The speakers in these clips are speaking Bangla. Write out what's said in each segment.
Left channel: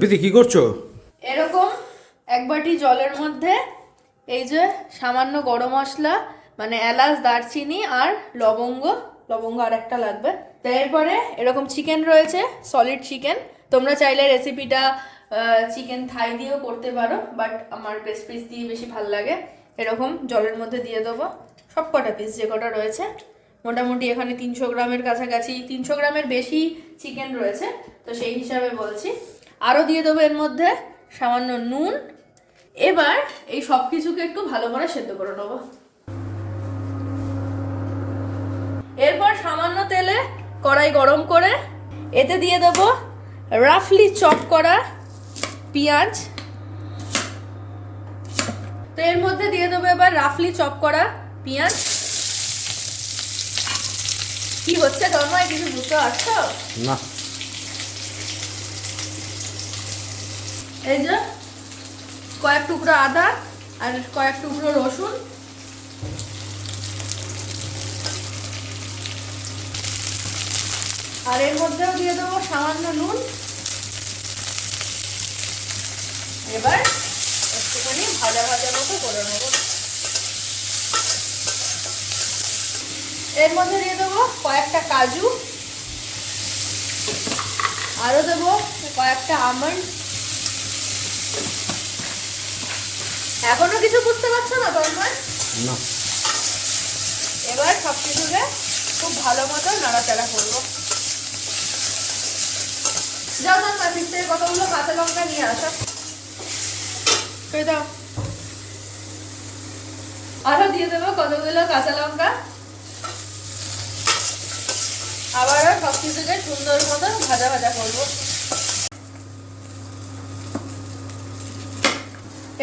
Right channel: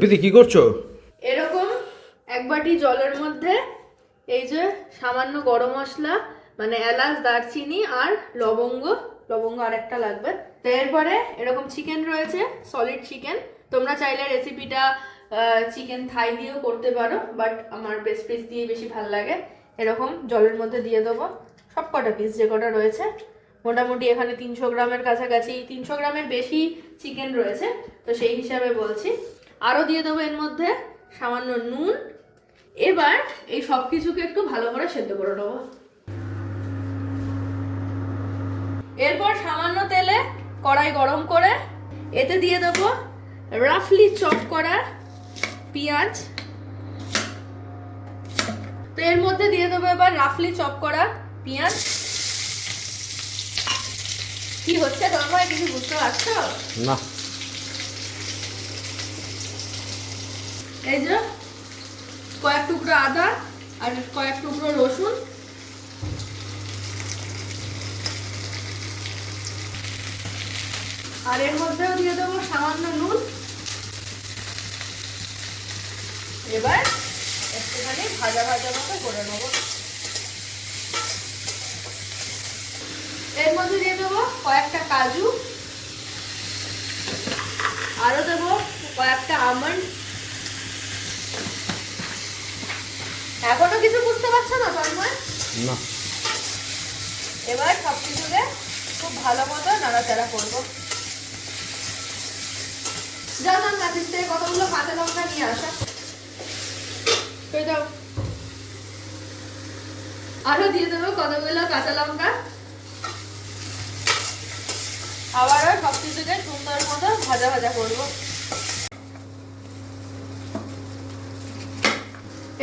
প্রীতি কি করছ? এরকম এক বাটি জলের মধ্যে এই যে সামান্য গরম মশলা মানে এলাচ, দারচিনি আর লবঙ্গ লবঙ্গ আর একটা লাগবে। তারপরে এরকম চিকেন রয়েছে সলিড চিকেন তোমরা চাইলে রেসিপিটা চিকেন থাই দিয়েও করতে পারো বাট আমার বেস্ট পিস দিয়ে বেশি ভালো লাগে। এরকম জলের মধ্যে দিয়ে দেবো। সব কটা পিস যে কটা রয়েছে। মোটামুটি এখানে তিনশো গ্রামের কাছাকাছি, তিনশো গ্রামের বেশি চিকেন রয়েছে। তো সেই হিসাবে বলছি। আরও দিয়ে দেবো এর মধ্যে সামান্য নুন। এবার এই সব কিছুকে একটু ভালো করে সেদ্ধ করে নেব। এরপর সামান্য তেলে কড়াই গরম করে এতে দিয়ে দেবো রাফলি চপ করা পেঁয়াজ। তো এর মধ্যে দিয়ে দেবো এবার রাফলি চপ করা পেঁয়াজ। কি হচ্ছে তন্ময় কিছু বুঝতে পারছ? না। এই যে কয়েক টুকরো আদা আর কয়েক টুকরো রসুন। আর এর মধ্যেও দিয়ে দেবো সামান্য নুন। এবার একটুখানি ভাজা ভাজা মতো করে নেব। এর মধ্যে দিয়ে দেবো কয়েকটা কাজু। আরও দেবো কয়েকটা আমন্ড। এখনও কিছু বুঝতে পারছ না তন্ময়? না। এবার সব কিছুকে খুব ভালো মতো নাড়াচাড়া করব। যাও যাও নাফিস থেকে কতগুলো কাঁচা লঙ্কা নিয়ে আসো। দাও আরও দিয়ে দেবো কতগুলো কাঁচা লঙ্কা। আবারও সব কিছুকে সুন্দর মতো ভাজা ভাজা করব।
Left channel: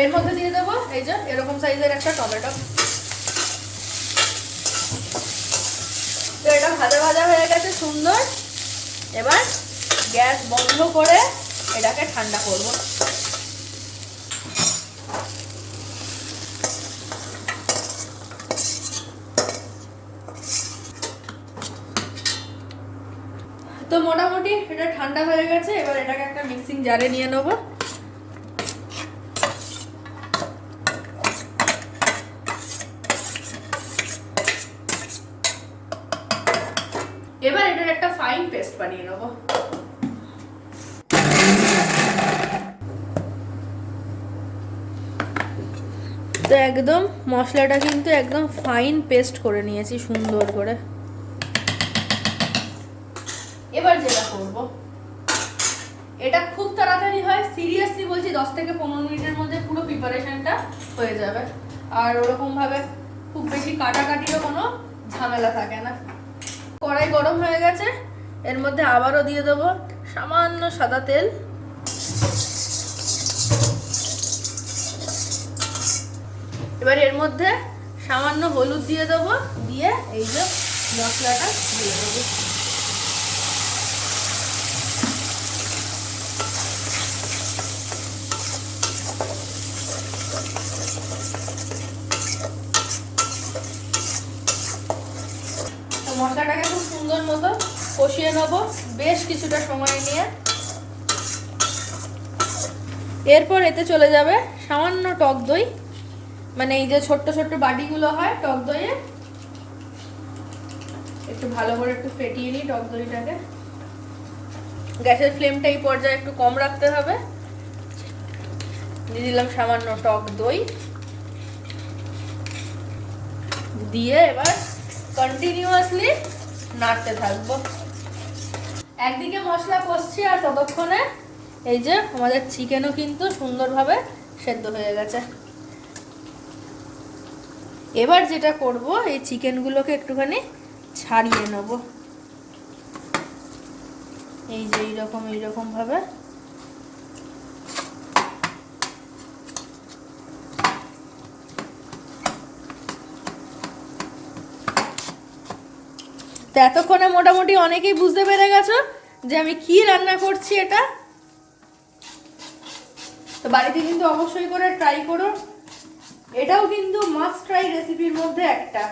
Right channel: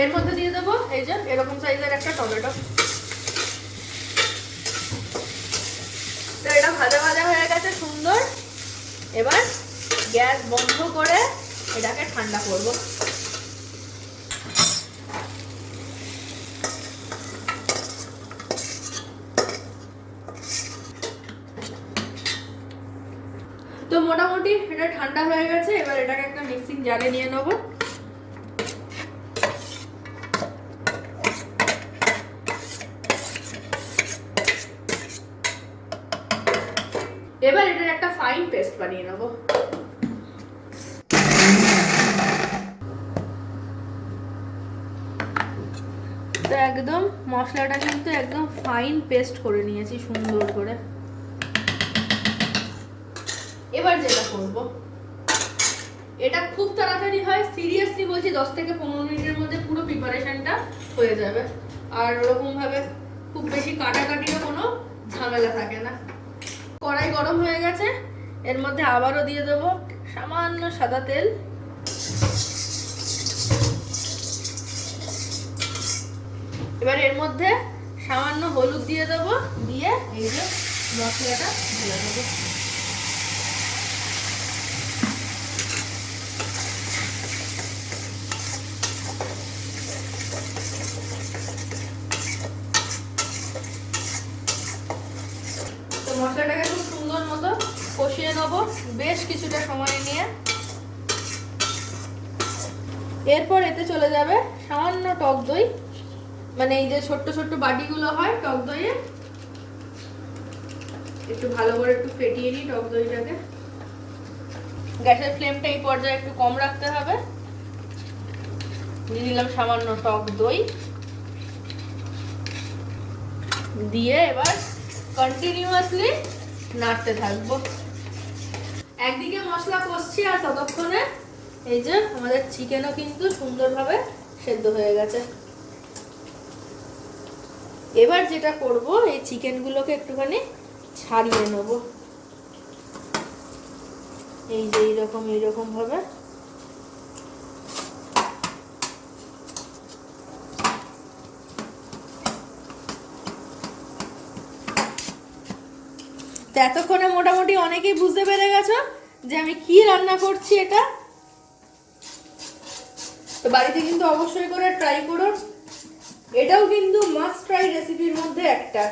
এর মধ্যে দিয়ে দেবো, এই যে, এরকম সাইজের একটা টমেটো। তো এটা ভাজা ভাজা হয়ে গেছে সুন্দর। এবার গ্যাস বন্ধ করে এটাকে ঠান্ডা করব। তো মোটামুটি এটা ঠান্ডা হয়ে গেছে, এবার এটাকে একটা মিক্সিং জারে নিয়ে নেব এবার এটার একটা ফাইন পেস্ট বানিয়ে নেব তো একদম মশলাটা কিন্তু একদম ফাইন পেস্ট করে নিয়েছি সুন্দর করে। এবার যেটা করব এটা খুব তাড়াতাড়ি হয় সিরিয়াসলি বলছি দশ থেকে পনেরো মিনিটের মধ্যে পুরো প্রিপারেশনটা হয়ে যাবে। আর ওরকমভাবে খুব বেশি কাটাকাটিরও কোনো ঝামেলা থাকে না। কড়াই গরম হয়ে গেছে এর মধ্যে আবারও দিয়ে দেবো সামান্য সাদা তেল। এবার এর মধ্যে সামান্য হলুদ দিয়ে দেবো, দিয়ে এই যে মশলাটা দিয়ে দেবো তো মশলাটাকে খুব সুন্দর মতো কষিয়ে নেব বেশ কিছুটা সময় নিয়ে। এরপর এতে চলে যাবে সামান্য টক দই। মানে এই যে ছোট্ট ছোট্ট বাটিগুলো হয় টক দইয়ে। একটু ভালো করে একটু ফেটিয়ে নিই টক দইটাকে। গ্যাসের ফ্লেমটা এই পর্যায়ে একটু কম রাখতে হবে। দিয়ে দিলাম সামান্য টক দই। দিয়ে এবার কন্টিনিউয়াসলি নাড়তে থাকব। একদিকে মশলা কষছি আর ততক্ষণে এই যে আমাদের চিকেনও কিন্তু সুন্দরভাবে সেদ্ধ হয়ে গেছে। এবার যেটা করব, এই চিকেনগুলোকে একটুখানি ছাড়িয়ে নেব। এই যে এইরকম এইরকম ভাবে এতক্ষণে মোটামুটি অনেকেই বুঝতে পেরে গেছো যে আমি কি রান্না করছি এটা? তো বাড়িতে কিন্তু অবশ্যই করে ট্রাই করো। এটাও কিন্তু মাস্ট ট্রাই রেসিপির মধ্যে একটা।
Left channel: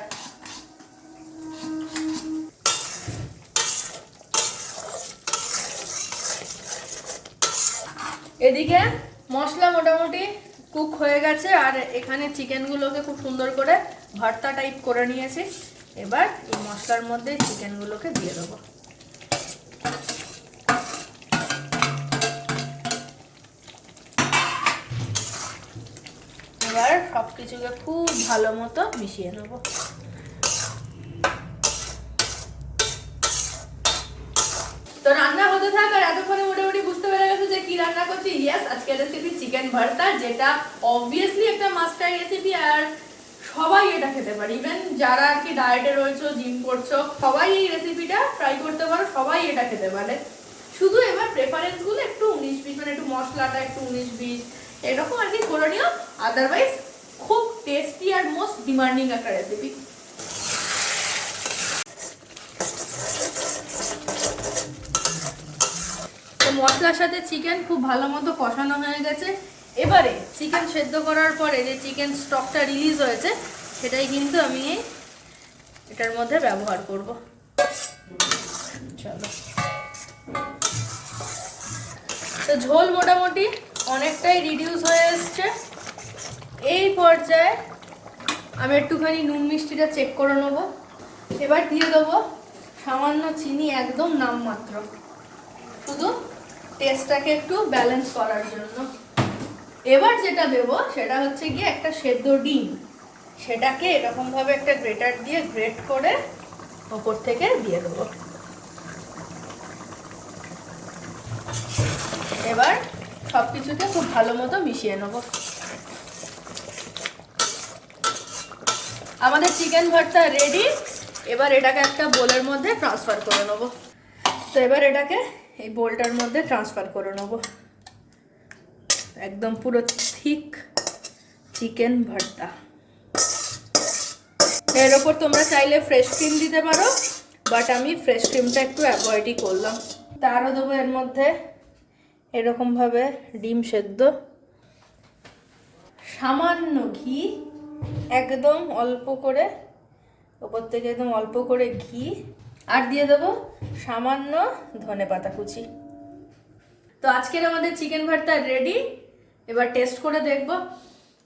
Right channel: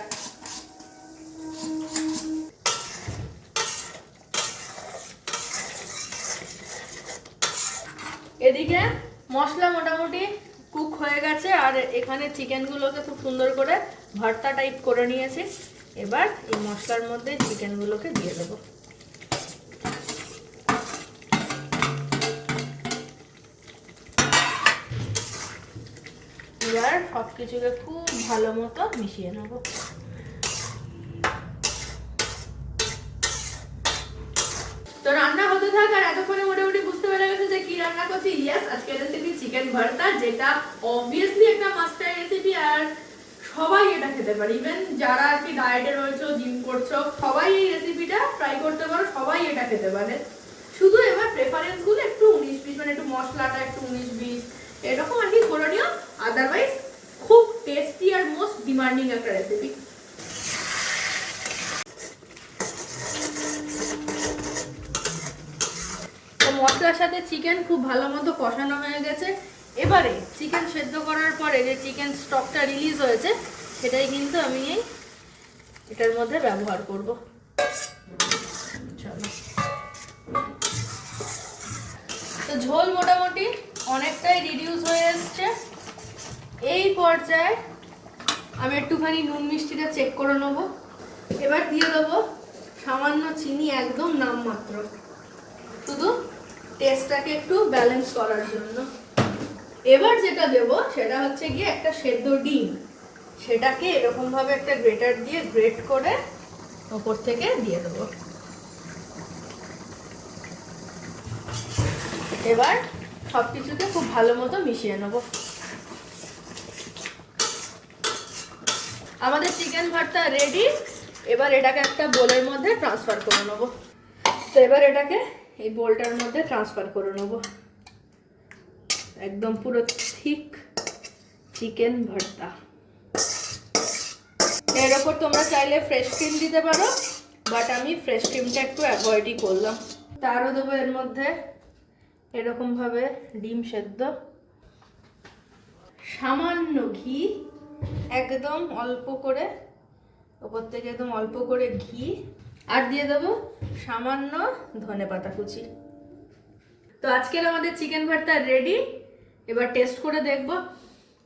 এদিকে মশলা মোটামুটি কুক হয়ে গেছে, আর এখানে চিকেনগুলোকে খুব সুন্দর করে ভর্তা টাইপ করে নিয়েছি। এবার এই মশলার মধ্যে চিকেনগুলোকে দিয়ে দেবো। এবার সব কিছুকে খুব ভালো মতো মিশিয়ে নেব। তো রান্না হতে থাক আর এতক্ষণে মোটামুটি বুঝতে পেরে গেছে যে কি রান্না করছি? ইয়াস আজকের রেসিপি চিকেন ভর্তা, যেটা অবভিয়াসলি একটা মাস্টার রেসিপি আর সবাই এটা খেতে পারে। ইভেন যারা আর কি ডায়েটে রয়েছে জিম করছ, সবাই এই রেসিপিটা ট্রাই করতে পারো, সবাই এটা খেতে পারে। শুধু এবার প্রেফারেন্সগুলো একটু উনিশ বিশ মানে একটু মশলাটা একটু উনিশ বিশ, এরকম আর কি করে নিও। আদারওয়াইজ খুব টেস্টি আর মোস্ট ডিমান্ডিং একটা রেসিপি মশলার সাথে চিকেন খুব ভালো মতো কষানো হয়ে গেছে। এবারে চিকেন সেদ্ধ করার পরে যে চিকেন স্টকটা রিলিজ হয়েছে, সেটাই কিন্তু আমি এটার মধ্যে ব্যবহার করব। চলো। তো ঝোল মোটামুটি অনেকটাই রিডিউস হয়ে এসছে। এই পর্যায়ে আমি একটুখানি নুন মিষ্টিটা চেক করে নেব। এবার দিয়ে দেবো সামান্য চিনি একদম নামমাত্র। শুধু টেস্টটাকে একটু ব্যালেন্স করার জন্য। এবার যেটা দেব, সেটা হচ্ছে গিয়ে একটা সেদ্ধ ডিম। সেটাকে এরকমভাবে একটা গ্রেটার দিয়ে গ্রেট করে ওপর থেকে দিয়ে দেবো। এবার সব কিছুতে খুব ভালো মতো মিশিয়ে নেব। আমাদের চিকেন ভর্তা রেডি এবার এটাকে একটা বোলের মধ্যে ট্রান্সফার করে নেব। তো এবার এটাকে এই বোলটার মধ্যে ট্রান্সফার করে নেব। একদম পুরো থিক চিকেন ভর্তা। এর ওপর তোমরা চাইলে ফ্রেশ ক্রিম দিতে পারো বাট আমি ফ্রেশ ক্রিমটা একটু অ্যাভয়েডই করলাম। তারও দেবো এর মধ্যে এরকমভাবে ডিম সেদ্ধ। সামান্য ঘি, একদম অল্প করে, ওপর থেকে একদম অল্প করে ঘি, আর দিয়ে দেবো সামান্য ধনে পাতা কুচি। তো আজকের আমাদের চিকেন ভর্তা রেডি? এবার টেস্ট করে দেখব।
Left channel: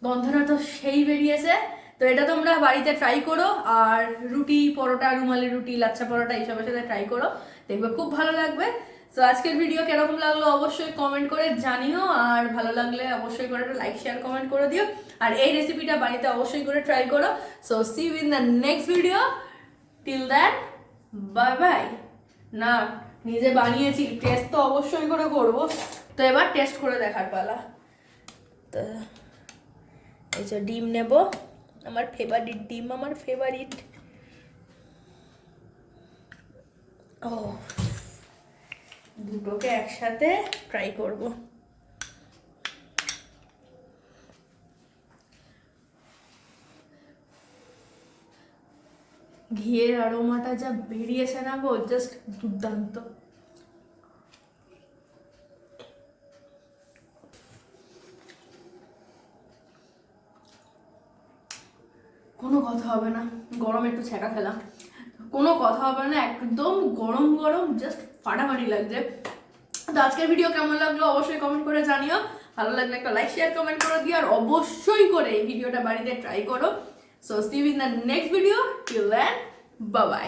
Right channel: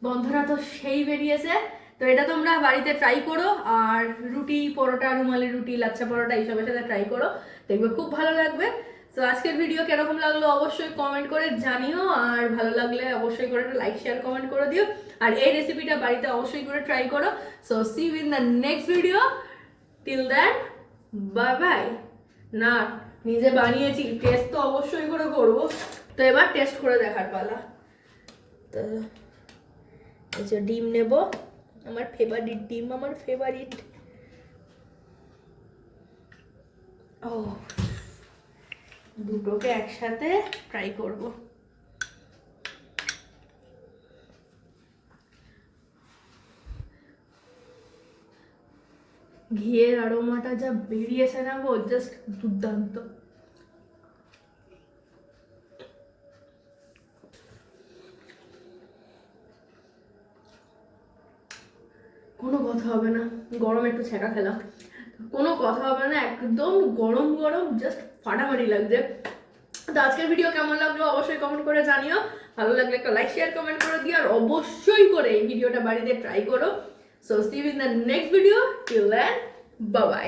গন্ধটা তো সেই বেরিয়েছে। তো এটা তোমরা বাড়িতে ট্রাই করো, আর রুটি, পরোটা, রুমালি রুটি, লাচ্ছা পরোটা এইসবের সাথে ট্রাই করো। দেখবে খুব ভালো লাগবে। তো আজকের ভিডিও কীরকম লাগল অবশ্যই কমেন্ট করে জানিও, আর ভালো লাগলে অবশ্যই করে লাইক শেয়ার কমেন্ট করে দিও। আর এই রেসিপিটা বাড়িতে অবশ্যই করে ট্রাই করো। So see in the next video till then bye bye না, নিজে বানিয়েছি টেস্ট তো অবশ্যই করে করব। তো এবার টেস্ট করে দেখার পালা। তো এই যে ডিম নেব। আমার ফেভারিট ডিম, আমার ফেভারিট ও, দুটোকে একসাথে ট্রাই করব। ঘিয়ের আরোমাটা যা বেরিয়েছে না গো জাস্ট দুর্দান্ত। কথা হবে না। গরম একটু ছেঁকা খেলাম। কোনো কথা হবে না, একদম গরম গরম জাস্ট ফাটাফাটি লাগছে। তো আজকের ভিডিও কেমন লাগল অবশ্যই কমেন্ট করে জানিও। ভালো লাগলে একটা লাইক শেয়ার কমেন্ট করে দিও। আর অবশ্যই করে এই ভিডিওটা বাড়িতে ট্রাই করো। So see in the next video till then bye bye bye